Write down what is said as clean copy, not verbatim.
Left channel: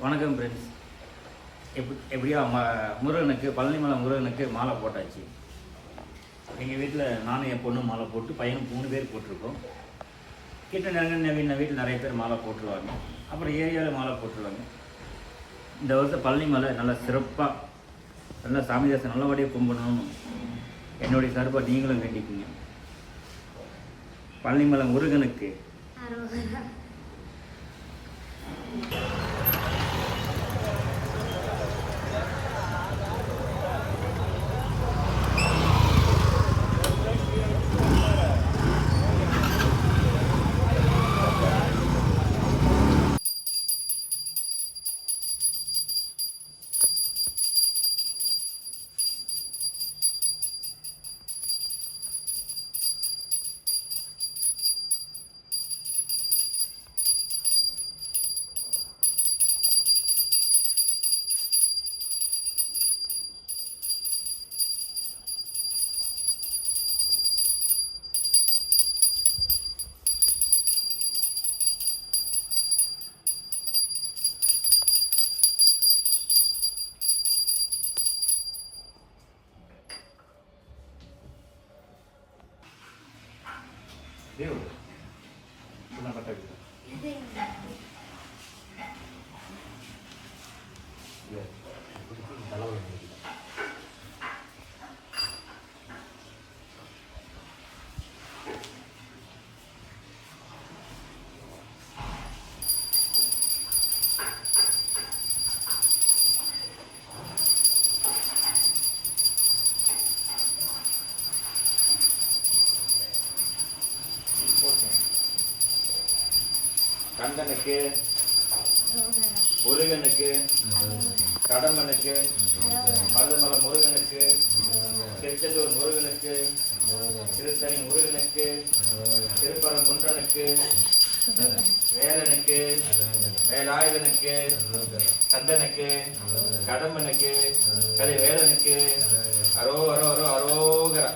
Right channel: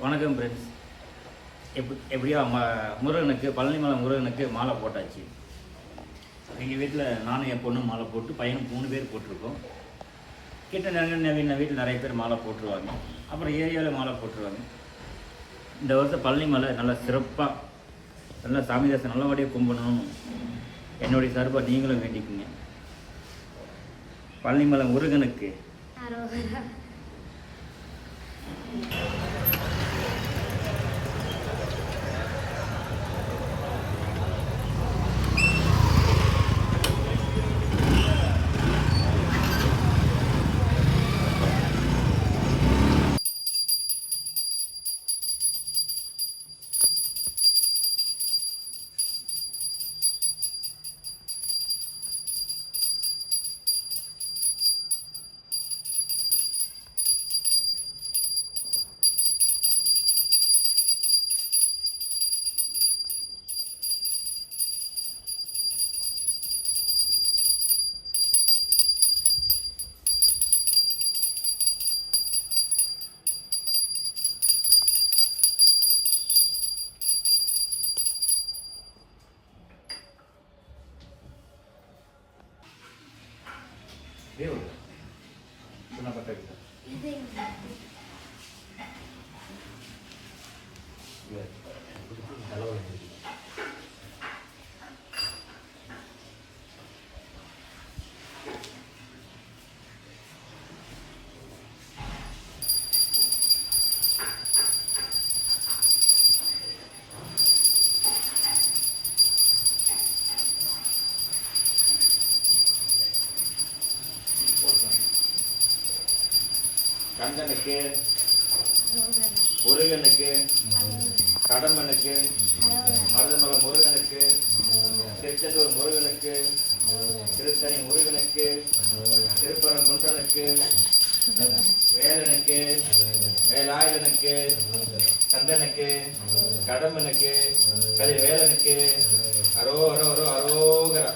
வணக்கம் ஃப்ரெண்ட்ஸ். எப்படியோ முருகனுக்கு பழனிமலை முருகனுக்கு மாலை போட்டாச்சு. எங்கள் வீட்டில் நானும் என் பொண்ணும் மாலை போட்டு பையனும் 3 பேர் போட்டிருக்கோம். கிட்ட நவீன வீட்டில் நிறைய பேர் மாலை போட்டுருவாங்க. அப்புறம் ஏரியாவில் மாலை போட்டுருவாங்க. இந்த வருஷம் பழனிமலை நல்லா சிறப்பாக நல்லா சாமி தரிசனம் நல்லபடியாக கும்பிடணும்னு என்னுடைய சார்பாக நீங்களும் வேண்டிக்குங்க. பழனிமலை முருகனுக்கு దేవుడు చిన్న పట్టది கந்தனுக்கு, முருகனுக்கு, கடம்பனுக்கு, மருதமலை முருகனுக்கு, திருச்செந்தூர் முருகனுக்கு, திருத்தணி முருகனுக்கு, திருப்பரங்குன்றனுக்கு, வேலனுக்கு, வேலாயுதனுக்கு, கந்தனுக்கு, கடம்பனுக்கு, கலிவேலனுக்கு அரோகரா.